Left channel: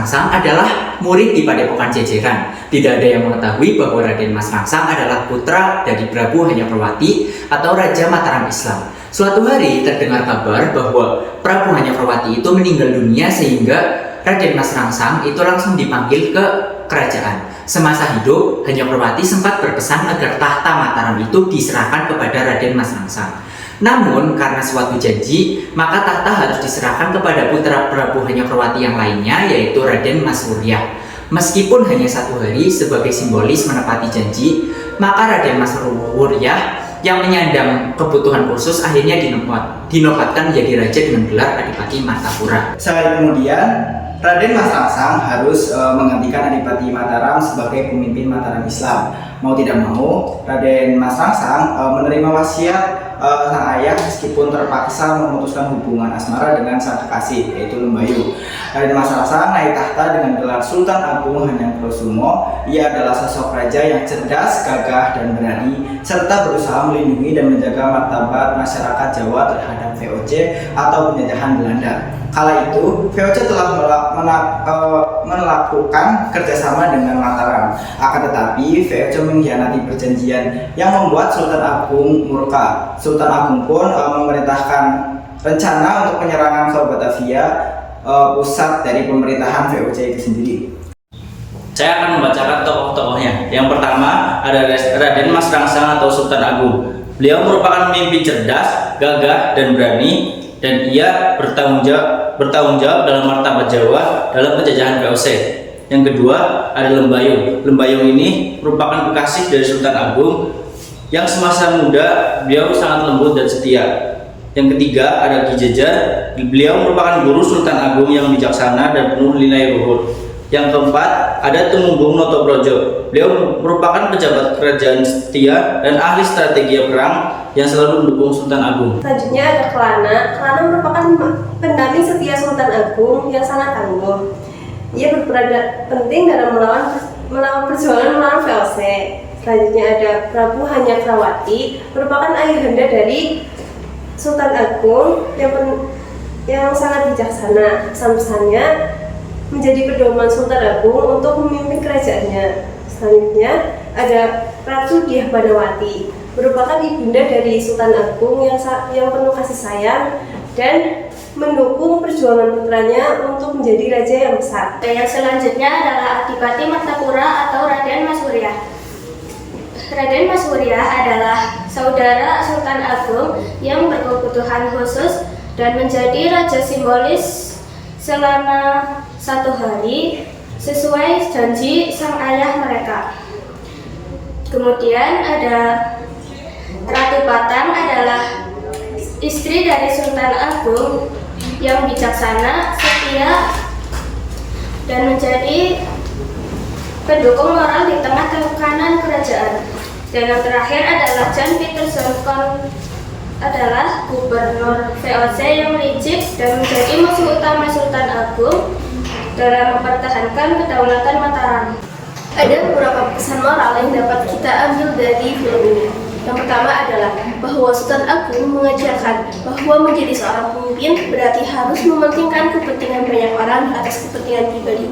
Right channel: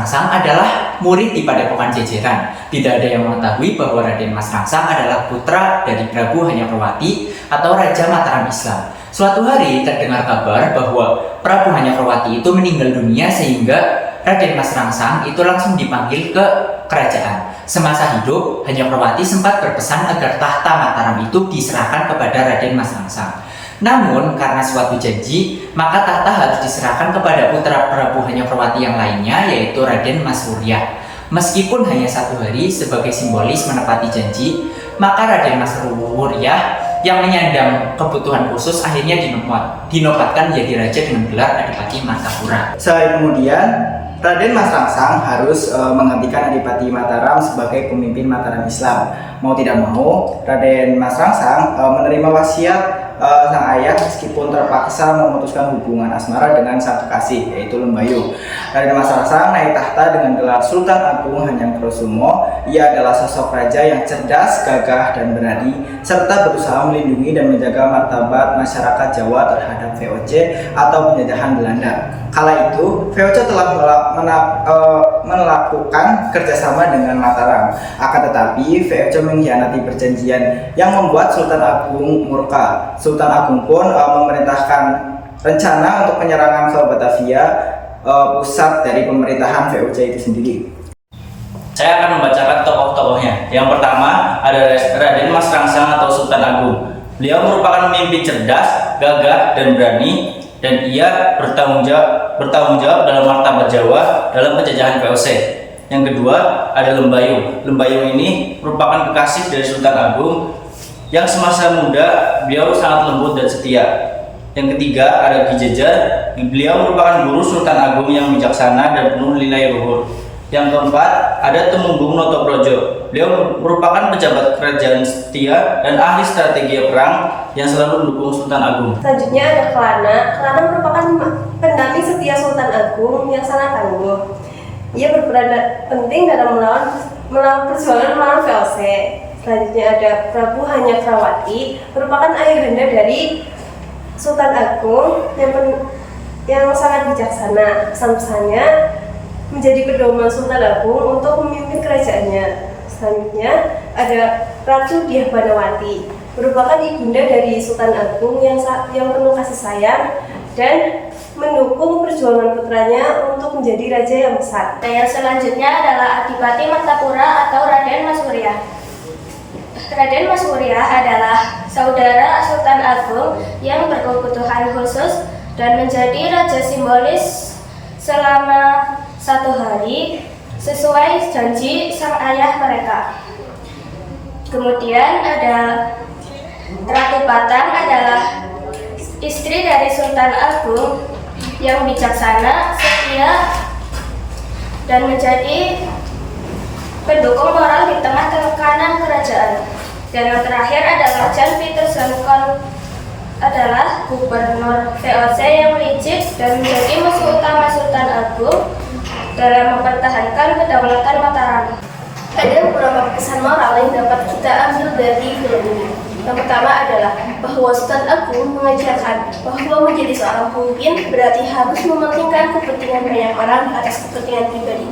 Rangsang adalah murid di Padepokan Jejeran. Tidak ada yang mengetahui bahwa Raden Mas Rangsang adalah putra dari Prabu Hanyakrawati atau Raja Mataram Islam. Suatu hari terdengar kabar bahwa Prabu Hanyakrawati itu meninggal dunia sehingga Raden Mas Rangsang itu langsung dipanggil ke kerajaan. Semasa hidup, Hanyakrawati sempat berpesan agar tahta Mataram itu diserahkan kepada Raden Mas Rangsang. Namun, karena suatu janji, maka tahta harus diserahkan kepada putra Prabu Hanyakrawati yang lainnya, yaitu Raden Mas Wuryah. Meskipun hanya 1 hari sebagai simbolis menepati janji, maka Raden Mas Wuryah yang menyandang kebutuhan khusus akhirnya dinobatkan menjadi raja dengan gelar Adipati Martapura. Sehari kemudian, Raden Mas Rangsang harus menggantikan Adipati Mataram sebagai pemimpin Mataram Islam. Mau tidak mau, Raden Mas Rangsang menerima wasiat sang ayah meskipun terpaksa memutuskan hubungan asmara dengan sang kekasih, yaitu Lembayu. Raden Mas Rangsang naik tahta dengan gelar Sultan Agung Hanyangkusumo. Ia adalah sosok raja yang cerdas, gagah, dan berani, serta berusaha melindungi dan menjaga martabat masyarakat Jawa terhadap VOC atau penjajahan Belanda. Kala itu, VOC telah melakukan kerjasama dengan Mataram. Akan tetapi, VOC mengkhianati perjanjian yang membuat Sultan Agung murka. Sultan Agung pun memerintahkan rencana untuk penyerangan ke Batavia, pusat dari pemerintahan VOC itu sendiri. Saya akan membacakan tokoh-tokohnya. Yang pertama ada Raden Mas Rangsang atau Sultan Agung. Beliau merupakan pemimpin cerdas, gagah, dan berani, dan ia bertanggung jawab dalam martabat Jawa dalam penjajahan VOC. Yang kedua ada Lembayung. Lembayung ini merupakan kekasih dari Sultan Agung yang semasa muda beliau sangat lembut dan setia. Yang ketiga ada Ki Jejer. Beliau merupakan guru Sultan Agung yang bijaksana dan penuh nilai luhur. Yang keempat ada Tumenggung Notoprojo. Beliau merupakan pejabat kerajaan setia dan ahli strategi perang yang selalu mendukung Sultan Agung. Selanjutnya ada Kelana. Kelana merupakan pendamping setia Sultan Agung yang sangat tangguh. Ia berperan penting dalam melawan perjuangan melawan VOC. Selanjutnya ada Prabu Hanyakrawati, merupakan ayahanda dari Sultan Agung yang sangat bijaksana. Pesan-pesannya menjadi pedoman Sultan Agung untuk memimpin kerajaannya. Selanjutnya ada Ratu Diah Padawati, merupakan ibunda dari Sultan Agung yang penuh kasih sayang dan mendukung perjuangan putranya untuk menjadi raja yang besar. Dan yang selanjutnya adalah Adipati Martapura atau Raden Mas Wuryah. Raden Mas Wuryah adalah saudara Sultan Agung yang berkebutuhan khusus dan menjadi raja simbolis selama 1 hari sesuai janji sang ayah mereka. Kemudian ada Ratu Patang, adalah istri dari Sultan Agung yang bijaksana, setia, dan menjadi pendukung moral di tengah tekanan kerajaan. Dan yang terakhir adalah Jan Pieterszoon Koen, adalah gubernur VOC yang licik dan menjadi musuh utama Sultan Agung dalam mempertahankan kedaulatan Mataram. Ada beberapa pesan moral yang dapat kita ambil dari film ini. Yang pertama adalah bahwa Sultan Agung mengajarkan bahwa menjadi seorang pemimpin berarti harus mementingkan kepentingan banyak orang di atas kepentingan pribadi.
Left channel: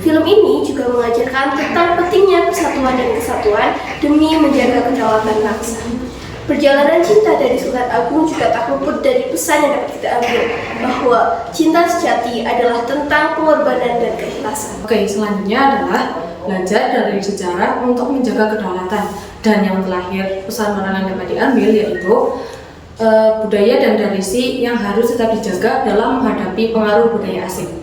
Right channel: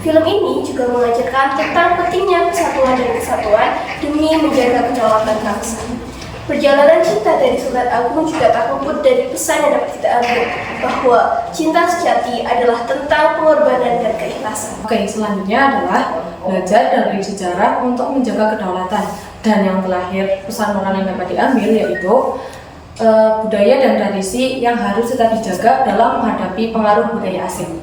Film ini juga mengajarkan tentang pentingnya persatuan dan kesatuan demi menjaga kedaulatan bangsa. Perjalanan cinta dari Sultan Agung juga tak luput dari pesan yang dapat kita ambil, bahwa cinta sejati adalah tentang pengorbanan dan keikhlasan. Oke, selanjutnya adalah belajar dari sejarah untuk menjaga kedaulatan. Dan yang terakhir, pesan moral yang dapat diambil yaitu budaya dan tradisi yang harus tetap dijaga dalam menghadapi pengaruh budaya asing.